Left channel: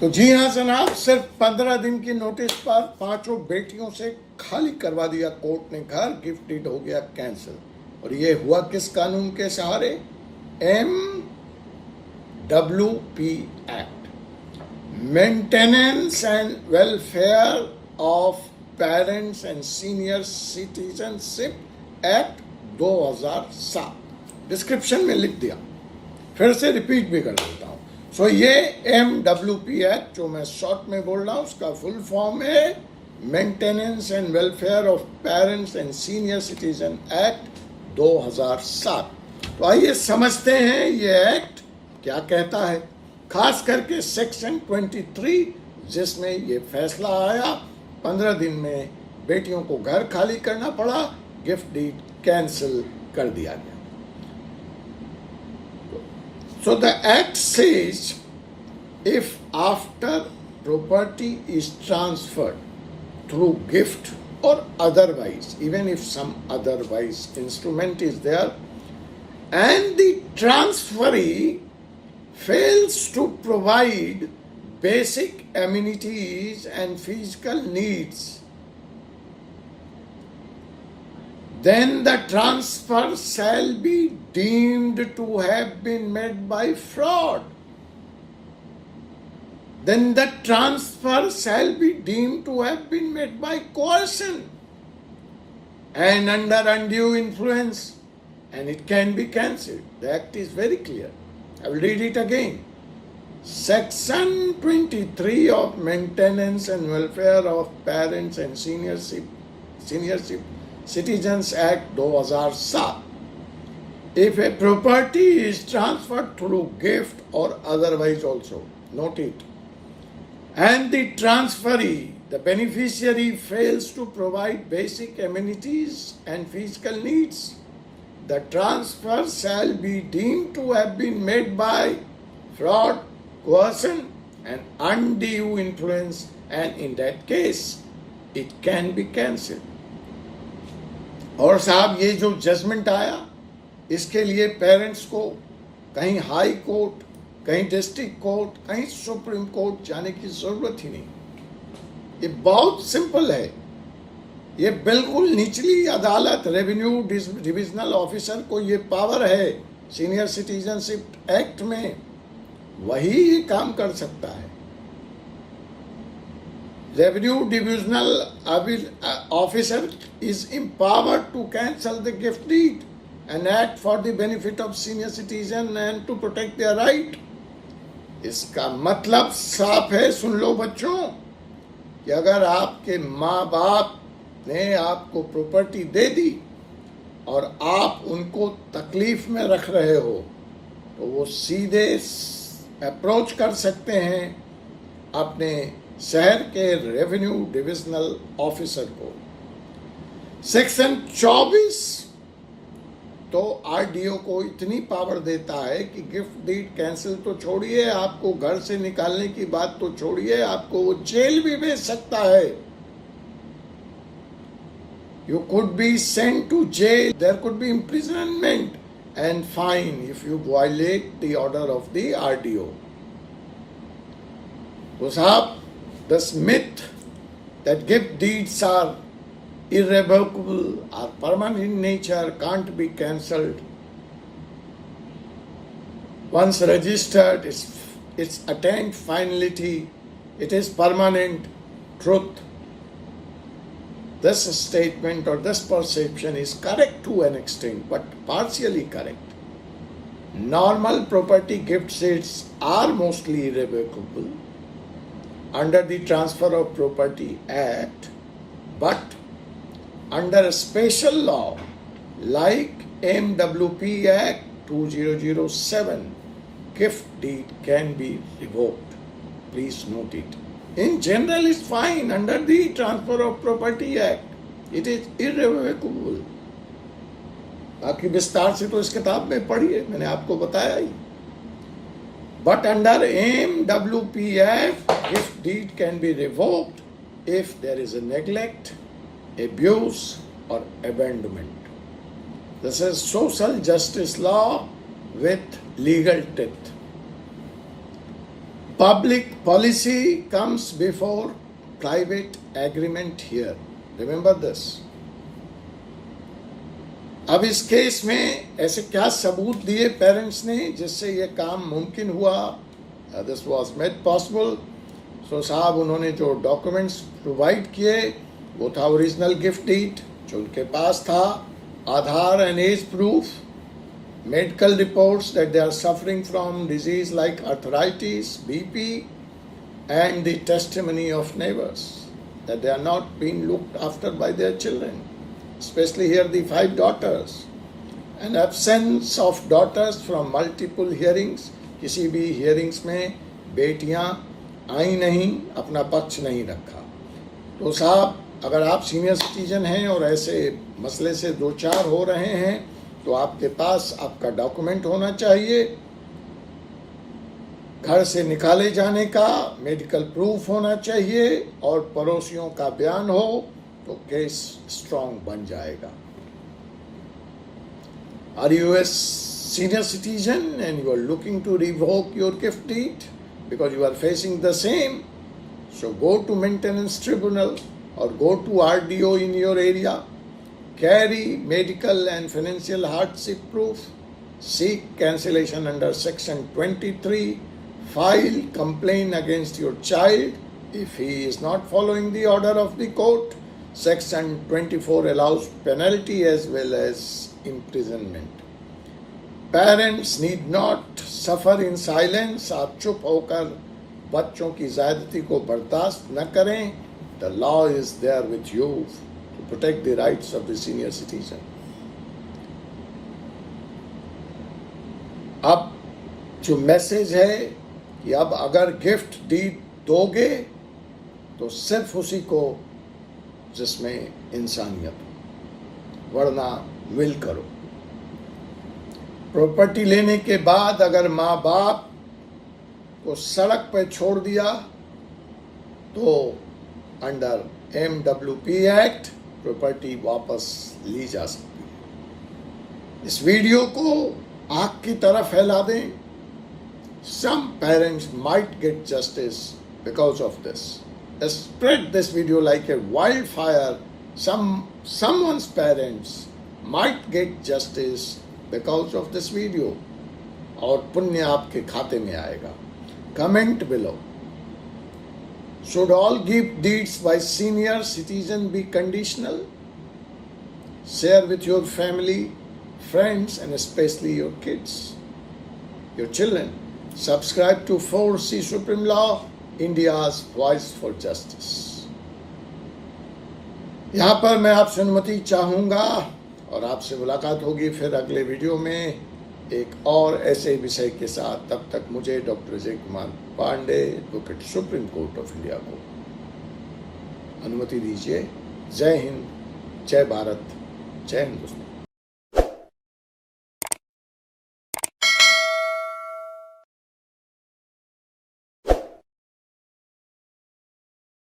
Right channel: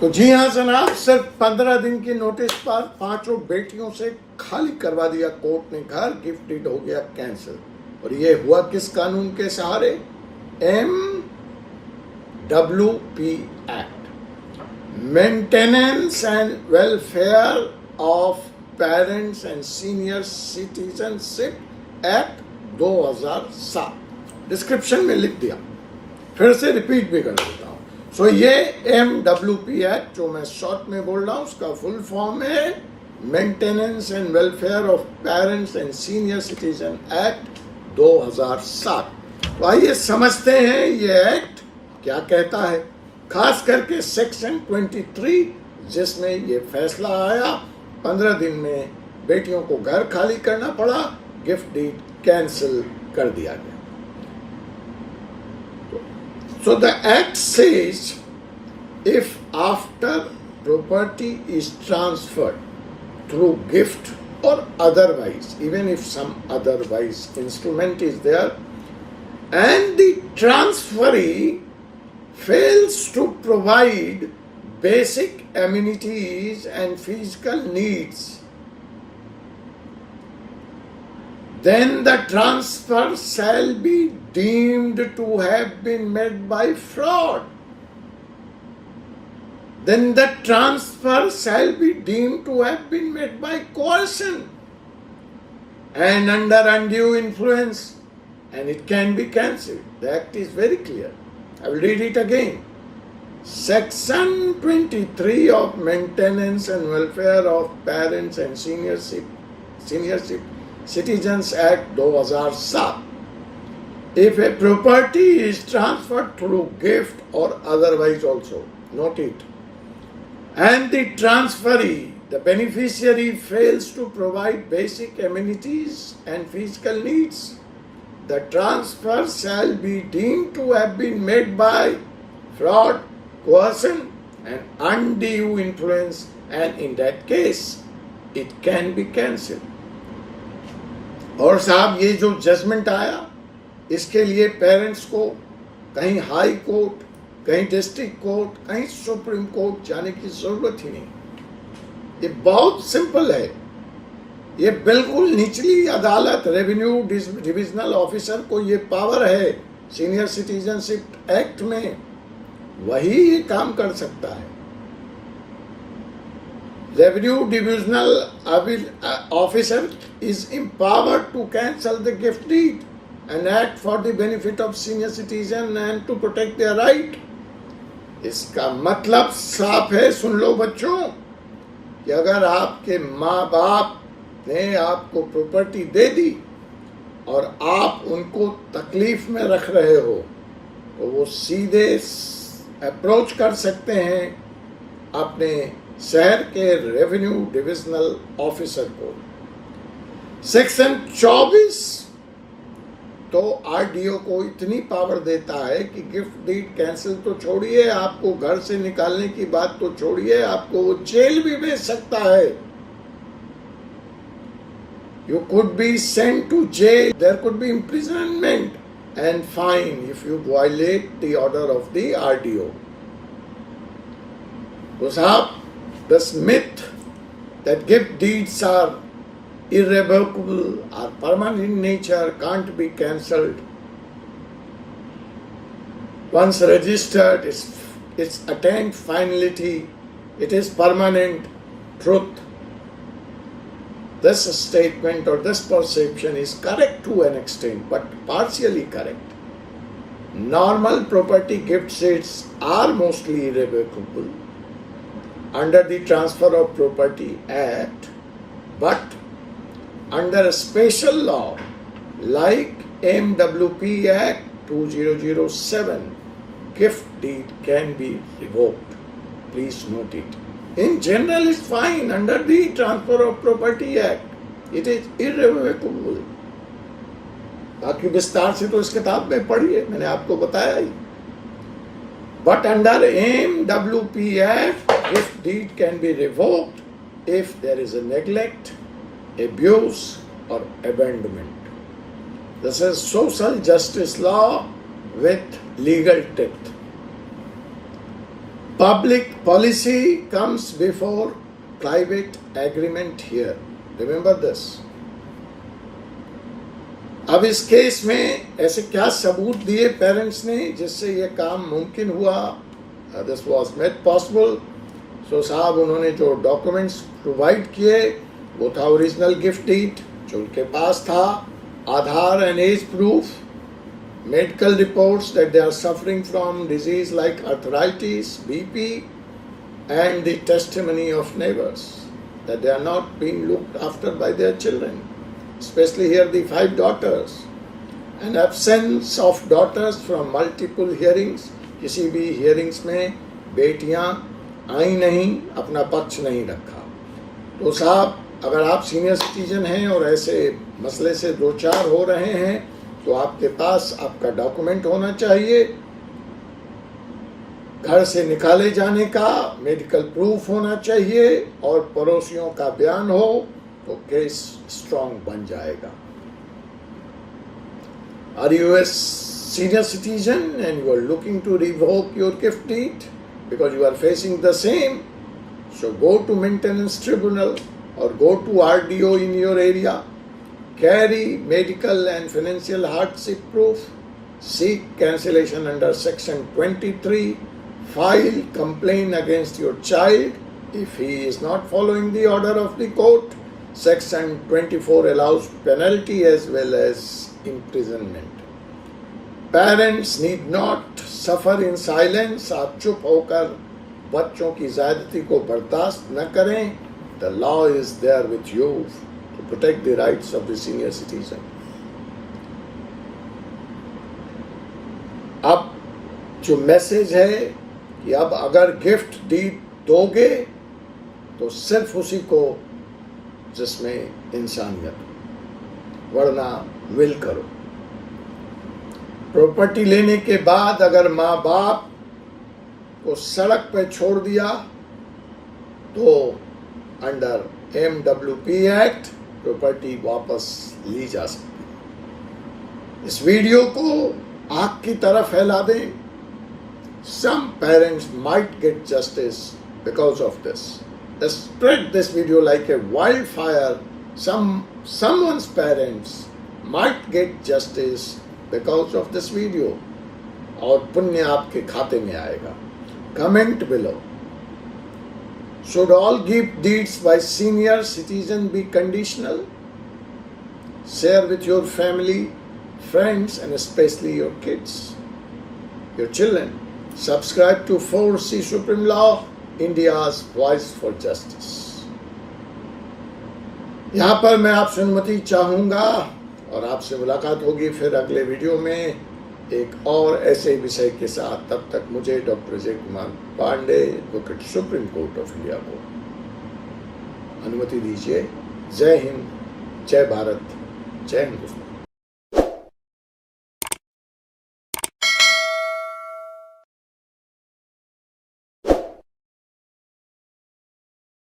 तो जी हाँ जनाब, सिर्फ 15 दिन की नोटिस पर 5 बेटियों से खाली करवा दिया कोर्ट ने घर, गिफ्ट डीड हो गया कैंसिल। और ये हुआ किस कानून के सहारे? MWP act, maintenance and welfare of parents and senior citizenship act 2007। Description में लिख दिया, फिर से रिपीट भी कर देता हूं। सो ये MWP एक्ट जो मैं शॉर्ट में बोल रहा हूं, उसका फुल फॉर्म है maintenance and welfare of parents and senior citizen act 2007। तो आइए समझते हैं ये एक्ट क्या कहता है, खास करके सेक्शन 23 जिसमें ये फैसला आया 15 दिन में बेटियों को घर खाली करना पड़ा, गिफ्ट डीड कैंसिल कर दिया गया। So the act says if after property is transferred through gift or otherwise, even if some otherwise instrument is there, and the transferee fails to provide basic amenities and physical needs, then the transfer shall be deemed to have been made by fraud. Then the transfer shall be deemed to have been made by coercion and under undue influence, and it can be cancelled. The act is very clear. I will read it again. Section 23 of Maintenance and Welfare of Parents and Senior Citizens Act 2007. If a property is transferred through gift or otherwise also, note it, and the transferee, the beneficiary, fails to provide basic amenities and physical needs, the transfer shall be deemed to have been made by fraud, coercion, and undue influence, and in that case, it can be cancelled. और साहब ये जो judgement आया, इसके लिए parents को कहीं high court, कहीं डिस्ट्रिक्ट कोर्ट, कहीं सुप्रीम कोर्ट जाने की जरूरत ही नहीं। ये बहुत सिंपल है। ये बिल्कुल निचली अदालत, रेवेन्यू डिविजनल ऑफिसर को ये पावर है सीनियर सिटीजनशिप एक्ट में, वही ये काम कर सकता है। Revenue Divisional Officer is empowered to cancel the gift deed and act for the benefit of senior citizen and to protect their right. इसका मतलब साफ है, सुन लो बच्चों, कि अगर आपके माँ बाप ने आपको प्रॉपर्टी दे दी और आप उनको तकलीफ में रख रहे हो, तो वो सीधे अप्रोच कर सकते हैं अपने शहर के रेवेन्यू डिविजनल ऑफिसर को। सेक्शन 24 तो आरडीओ को इतनी पावर देता है कि गिफ्ट डीड कैंसिल तो छोड़िए, आपको घर से निकालने की बात तो छोड़िए, आपको वो जेल भी भेज सकता है। You could be sent to jail, there could be imprisonment and fine if you violate the order of the RDO. तो साहब, this myth that gift deeds are irrevocable, are permanent in nature, can't be cancelled. Once registered, it's attained finality, it is permanent truth. This statement or this perception is correct to an extent, but partially correct. Normal property gift deeds are mostly irrevocable under the Transfer of Property Act, but under a special law like MWP Act 2007, gift deed can be revoked. Please note it. In general, it's fine. Under the Transfer of Property Act, it is irrevocable. बाकी विस्तार से तो इस किताब में पढ़िए, मैंने आपको बताया ही। But under MWP Act, gift deed can be revoked if there is a neglect, abuse, or abandonment. This is social justice law with legal teeth. Public policy comes before private agreement here. Remember this. अब इस case में ऐसे क्या सबूत दिए parents ने जिससे ये काम मुमकिन हुआ? This was made possible. So साहब उन्होंने जो डॉक्यूमेंट्स प्रोवाइड किए वो था ओरिजिनल गिफ्ट डीड जो उनके पास था, Aadhaar and age proof, medical reports that they are suffering from disease like arthritis, BP, and the testimony of neighbors that they are not being looked after by their children, especially here the 5 daughters. An absence of daughters from multiple hearings, किसी भी hearings में बेटियां आई नहीं, अपना पक्ष नहीं रखा. तो साहब अगर आप सीनियर सिटीजन हैं और ऐसे मसले से दो चार हो रहे हैं तो आपके पास आपका डॉक्यूमेंट होना चाहिए, घर से निकाले जाने का मेडिकल प्रूफ होना चाहिए और पड़ोसियों का बयान हो तो केस स्ट्रांग बन जाएगा. Are you a senior citizen and you are looking to revoke your gift deed because you are facing the same? So go to maintenance tribunal or go to RDO in your area. Carry medical and financial hardship proof, seek cancellation under section 23, file complaint against your child if he is not following the order of the court. Section 24 allows penalty as well as imprisonment. Parents need not suffer in silence. आप चुप होकर बच्चों की ज़्यादती को बर्दाश्त न करें. The law is there with you to protect the rights of the senior citizen. अब जो मैसेज है कि अब अगर गिफ्ट डीड दोगे तो सिर्फ उसी को जिसमें इंसानियत, वरना विल करो. प्रॉपर्टी लेने के बाद अगर माँ बाप को सड़क पर छोड़ दिया तो अंडर MWP एक्ट प्रॉपर्टी वापस ली जा सकती. इस वीडियो को आग की तरह फैला दें. Some parents might get justice because of this. Spread this video like a wildfire. Someone's parents might get justice because of this video. और पुण्य आपके खाते में आएगा. Comment below. Should all gift deeds by senior citizen be conditional? Share with your family, friends, and especially your kids, your children. Subscribe to 4C Supreme Law, India's Voice for Justice. यहाँ पर मैं आपसे अनुमति चाहूँगा और आपसे मुलाकात होगी फिर अगले वीडियो में एक और ऐसे विषय के साथ. तब तक मुझे doctor Ajay Kumar Pandey, advocate supreme court of India को अनुमति दीजिए. जय हिंद, जय भारत, जय हिंदुस्तान.